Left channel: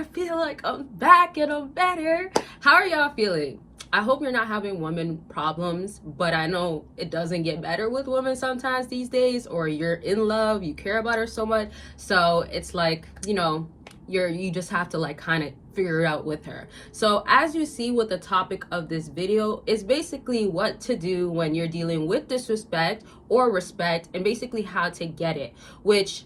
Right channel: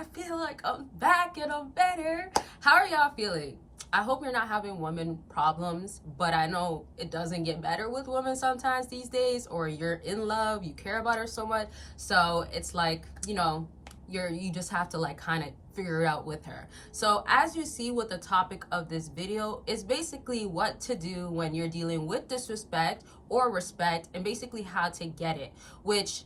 I feel like I'm back and I'm better. How are y'all feeling? I hope you're not having women problems, but I know it doesn't get better with women sometimes these days, or you're in love, you care about her so much. So it's like, you just have to like kind of figure it out with her. So as you see with the topic of this video is basically what to do when you're dealing with disrespect or respect, and basically how to get it, which,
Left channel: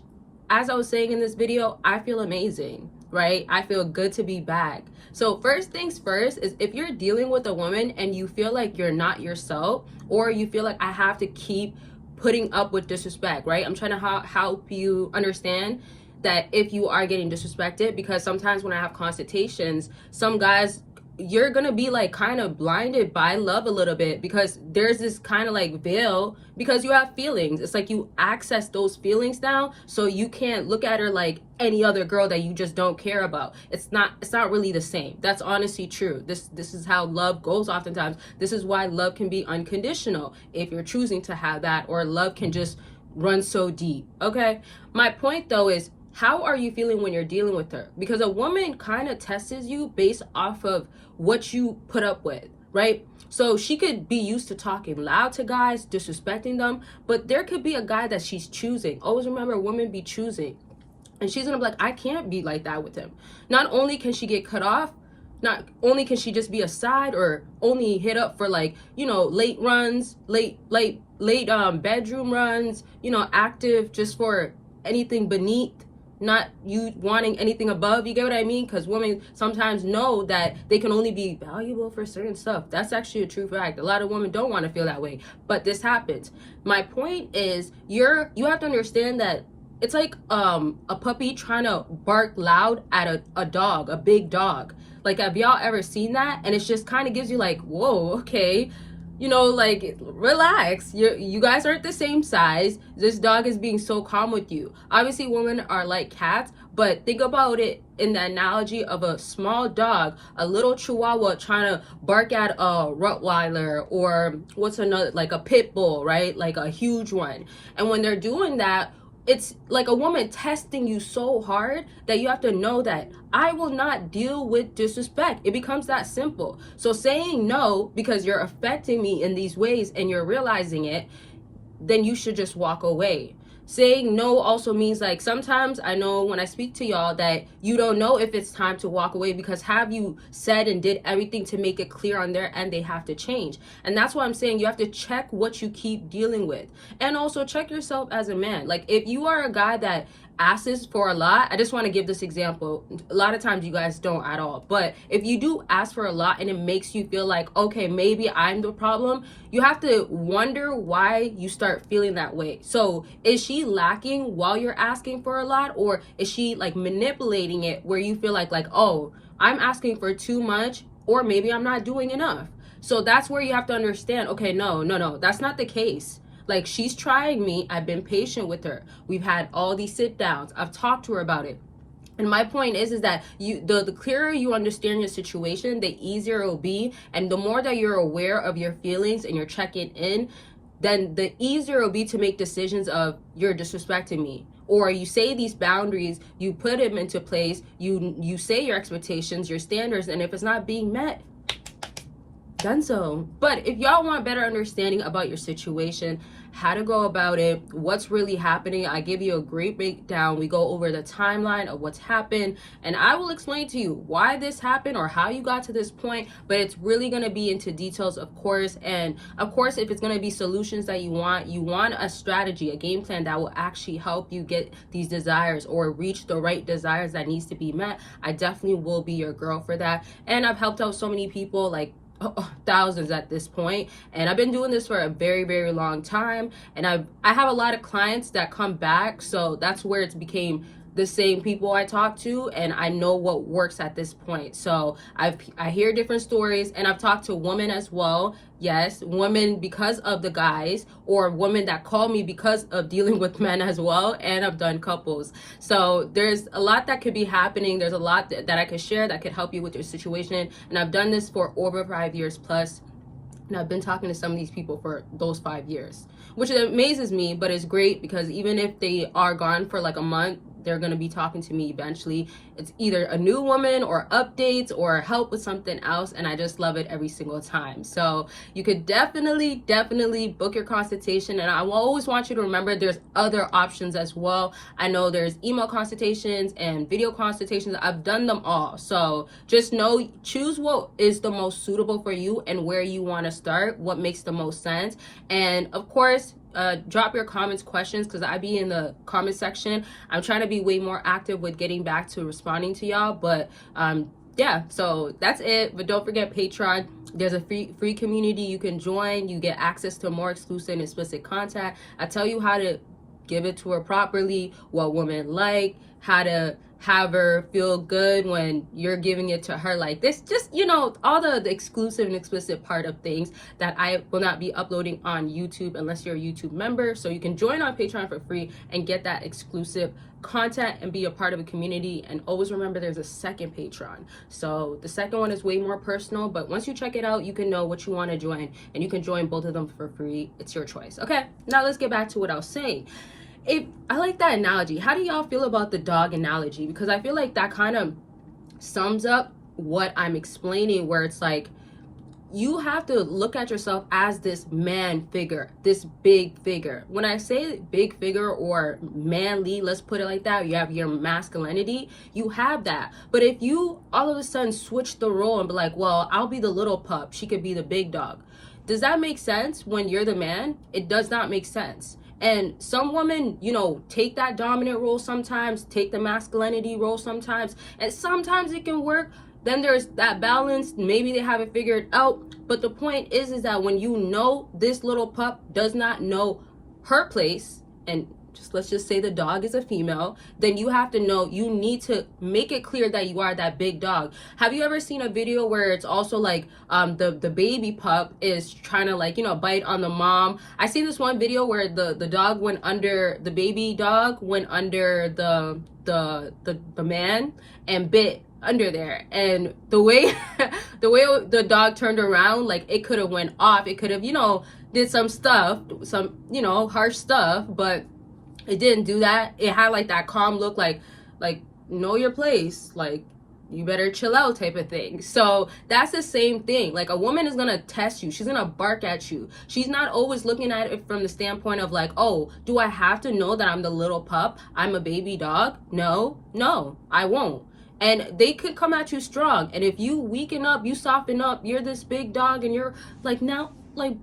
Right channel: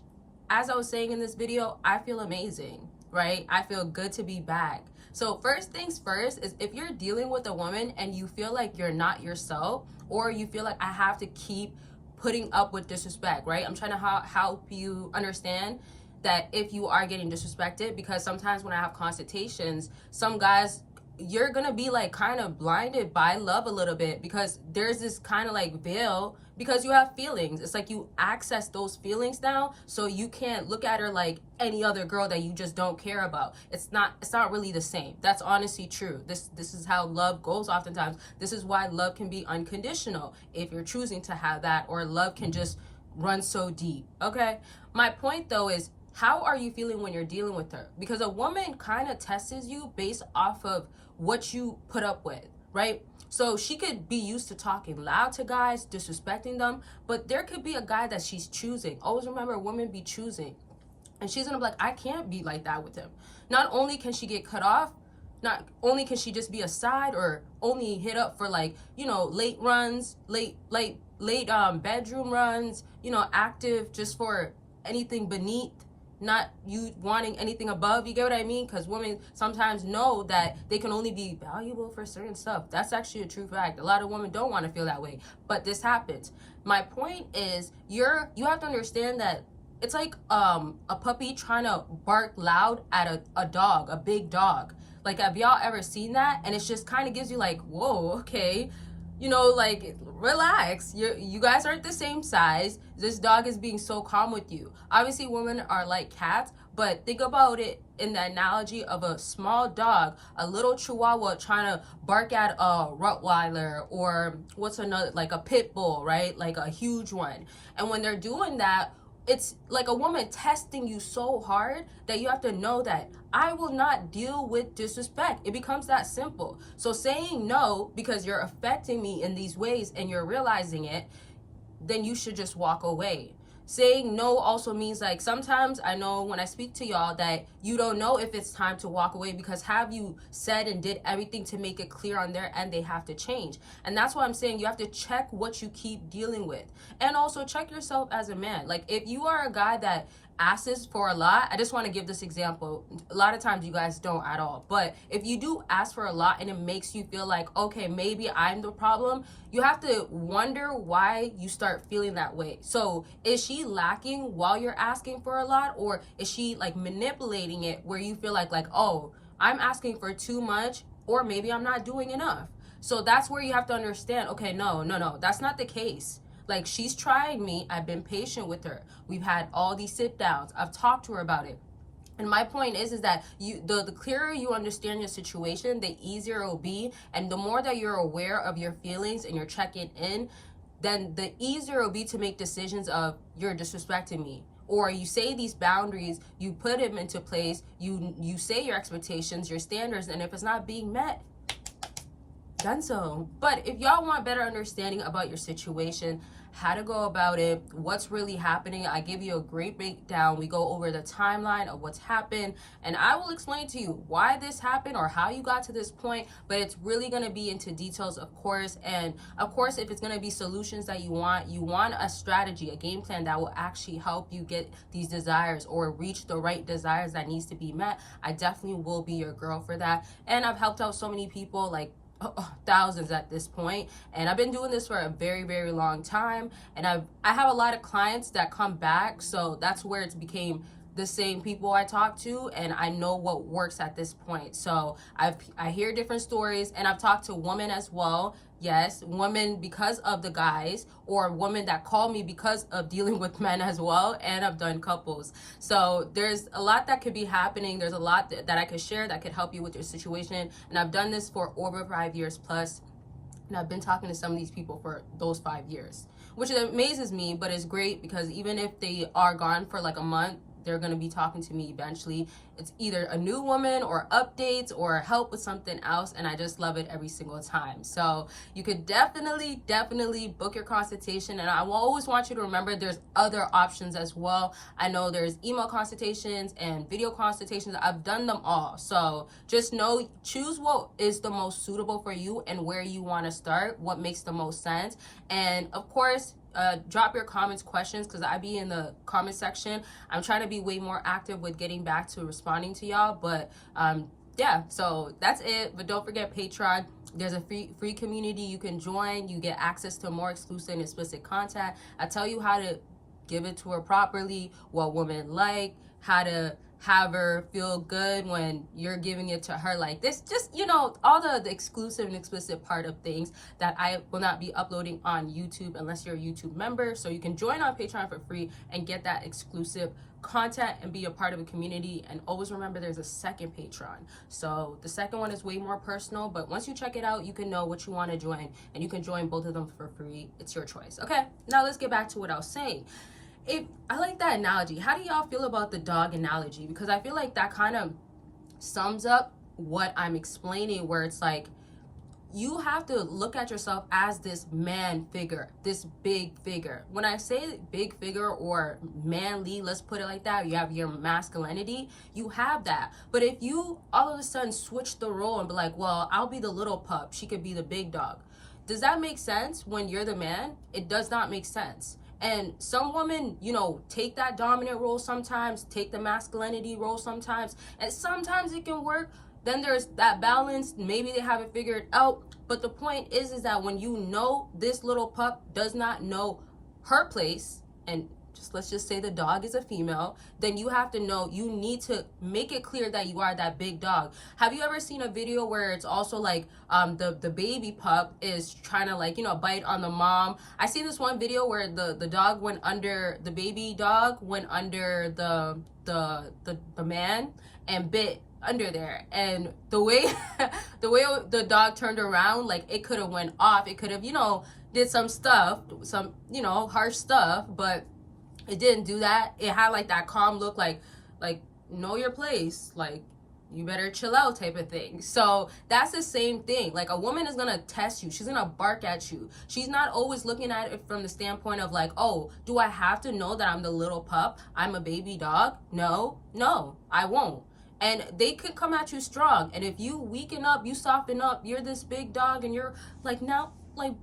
as I was saying in this video, I feel amazing, right? I feel good to be back. So first things first is, if you're dealing with a woman and you feel like you're not yourself, or you feel like I have to keep putting up with disrespect, right? I'm trying to help you understand that if you are getting disrespected, because sometimes when I have consultations, some guys, you're gonna be like kind of blinded by love a little bit, because there's this kind of like veil, because you have feelings. It's like you access those feelings now, so you can't look at her like any other girl that you just don't care about. It's not really the same. That's honestly true. This is how love goes oftentimes. This is why love can be unconditional if you're choosing to have that, or love can just run so deep. Okay, my point though is, how are you feeling when you're dealing with her? Because a woman kind of tests you based off of what you put up with, right? So she could be used to talking loud to guys, disrespecting them, but there could be a guy that she's choosing. Always remember, women be choosing. And she's gonna be like, I can't be like that with him. Not only can she get cut off, not only can she just be a side, or only hit up for like, late runs, late bedroom runs, active just for anything beneath, not you wanting anything above. You get what I mean? Because women sometimes know that they can only be valuable for certain stuff. That's actually a true fact. A lot of women don't want to feel that way, but this happens. My point is, you have to understand that it's like a puppy trying to bark loud at a dog, a big dog. Like, have y'all ever seen that? And it just kind of gives you like, whoa, okay, like, relax. You guys aren't the same size. This dog is being so calm with you. Obviously, women are like cats, but think about it in the analogy of a small dog, a little chihuahua trying to bark at a Rottweiler, or what's another, like a pit bull, right? Like a huge one. And when they're doing that, it's like a woman testing you so hard that you have to know that I will not deal with disrespect. It becomes that simple. So saying no because you're affecting me in these ways and you're realizing it, then you should just walk away. Saying no also means, like, sometimes I know when I speak to y'all that you don't know if it's time to walk away, because have you said and did everything to make it clear on their end they have to change? And that's why I'm saying you have to check what you keep dealing with, and also check yourself as a man. Like, if you are a guy that asks for a lot, I just want to give this example. A lot of times you guys don't at all, but if you do ask for a lot and it makes you feel like, okay, maybe I'm the problem, you have to wonder why you start feeling that way. So is she lacking while you're asking for a lot, or is she like manipulating it where you feel like, oh, I'm asking for too much, or maybe I'm not doing enough? So that's where you have to understand, okay, no, that's not the case. Like, she's trying me. I've been patient with her. We've had all these sit downs. I've talked to her about it. And my point is that the clearer you understand your situation, the easier it will be. And the more that you're aware of your feelings and you're checking in, then the easier it will be to make decisions of, you're disrespecting me. Or you say these boundaries, you put them into place, you say your expectations, your standards, and if it's not being met, done so. But if y'all want better understanding about your situation, how to go about it, what's really happening, I give you a great breakdown. We go over the timeline of what's happened, and I will explain to you why this happened or how you got to this point. But it's really going to be into details, of course. And of course, if it's going to be solutions that you want a strategy, a game plan that will actually help you get these desires or reach the right desires that needs to be met, I definitely will be your girl for that. And I've helped out so many people, like thousands at this point, and I've been doing this for a very, very long time, and I have a lot of clients that come back, so that's where it's became the same people I talk to, and I know what works at this point. So I hear different stories, and I've talked to women as well. Yes, women because of the guys, or women that call me because of dealing with men as well, and I've done couples. So there's a lot that could be happening. There's a lot that I could share that could help you with your situation, and I've done this for over 5 years plus, and I've been talking to some of these people for those 5 years, which amazes me. But it's great because even if they are gone for like a month, they're going to be talking to me eventually. It's either a new woman or updates or help with something else, and I just love it every single time. So you could definitely book your consultation, and I will always want you to remember there's other options as well. I know there's email consultations and video consultations. I've done them all. So just know, choose what is the most suitable for you and where you want to start, what makes the most sense. And of course, drop your comments, questions, because I be in the comment section. I'm trying to be way more active with getting back to responding to y'all, but yeah, so that's it. But don't forget Patreon. There's a free community you can join. You get access to more exclusive and explicit content. I tell you how to give it to her properly, what women like, how to have her feel good when you're giving it to her like this. Just, you know, all the exclusive and explicit part of things that I will not be uploading on YouTube unless you're a YouTube member. So you can join on Patreon for free and get that exclusive content and be a part of a community. And always remember there's a second Patreon. So the second one is way more personal, but once you check it out, you can know what you want to join, and you can join both of them for free. It's your choice. Okay, now let's get back to what I was saying. I like that analogy. How do y'all feel about the dog analogy? Because I feel like that kind of sums up what I'm explaining, where it's like you have to look at yourself as this man figure, this big figure. When I say big figure or manly, let's put it like that, you have your masculinity, you have that. But if you all of a sudden switch the role and be like, well, I'll be the little pup, she could be the big dog. Does that make sense when you're the man? It does not make sense. And some women, you know, take that dominant role sometimes, take the masculinity role sometimes, and sometimes it can work. Then there's that balance. Maybe they haven't figured out. But the point is that when you know this little pup does not know her place, and let's just say the dog is a female, then you have to know, you need to make it clear that you are that big dog. Have you ever seen a video where it's also like the baby pup is trying to, like, you know, bite on the mom? I seen this one video where the dog went under, the baby dog went under the man and bit under there, and the way the dog turned around, like, it could have went off, it could have, you know, did some stuff, some, you know, harsh stuff, but it didn't do that. It had like that calm look, like know your place, like you better chill out type of thing. So that's the same thing. Like, a woman is gonna test you, she's gonna bark at you. She's not always looking at it from the standpoint of like, oh, do I have to know that I'm the little pup, I'm a baby dog? No, I won't. And they could come at you strong, and if you weaken up, you soften up, you're this big dog, and you're like, now, like,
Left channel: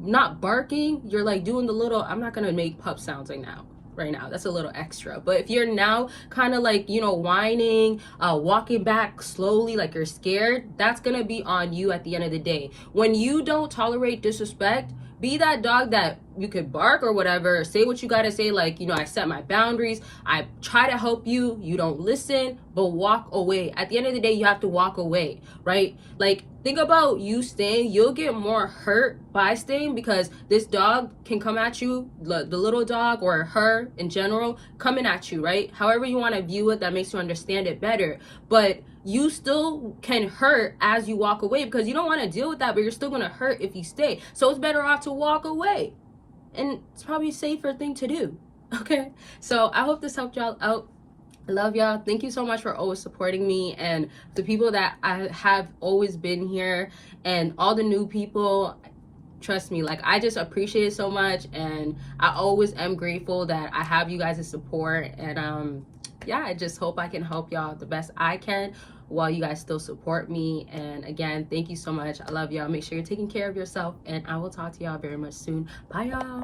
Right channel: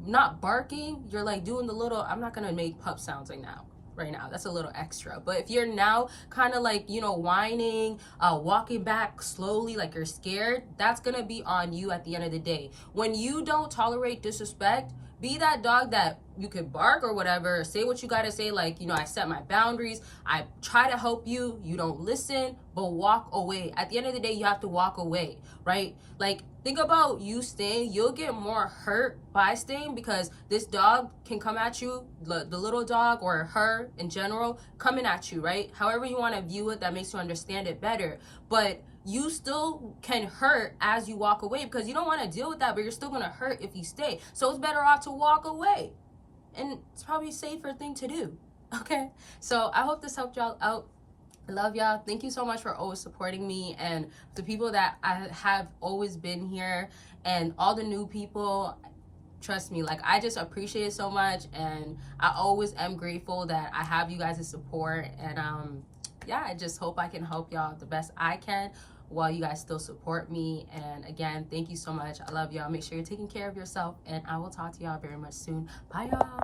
not barking, you're like doing the little, I'm not gonna make pup sounds right now, that's a little extra, but if you're now kind of like, you know, whining, walking back slowly like you're scared, that's gonna be on you at the end of the day. When you don't tolerate disrespect, be that dog that you could bark or whatever, say what you gotta say, like, you know, I set my boundaries, I try to help you, you don't listen, but walk away. At the end of the day, you have to walk away, right? Like, think about you staying, you'll get more hurt by staying, because this dog can come at you, the little dog or her in general, coming at you, right? However you want to view it, that makes you understand it better. But you still can hurt as you walk away, because you don't want to deal with that, but you're still going to hurt if you stay. So it's better off to walk away. And it's probably a safer thing to do. Okay? So I hope this helped y'all out. I love y'all. Thank you so much for always supporting me, and the people that I have always been here, and all the new people. Trust me, like, I just appreciate it so much, and I always am grateful that I have you guys' support. And yeah, I just hope I can help y'all the best I can while you guys still support me. And again, thank you so much. I love y'all. Make sure you're taking care of yourself, and I will talk to y'all very much soon. Bye, y'all.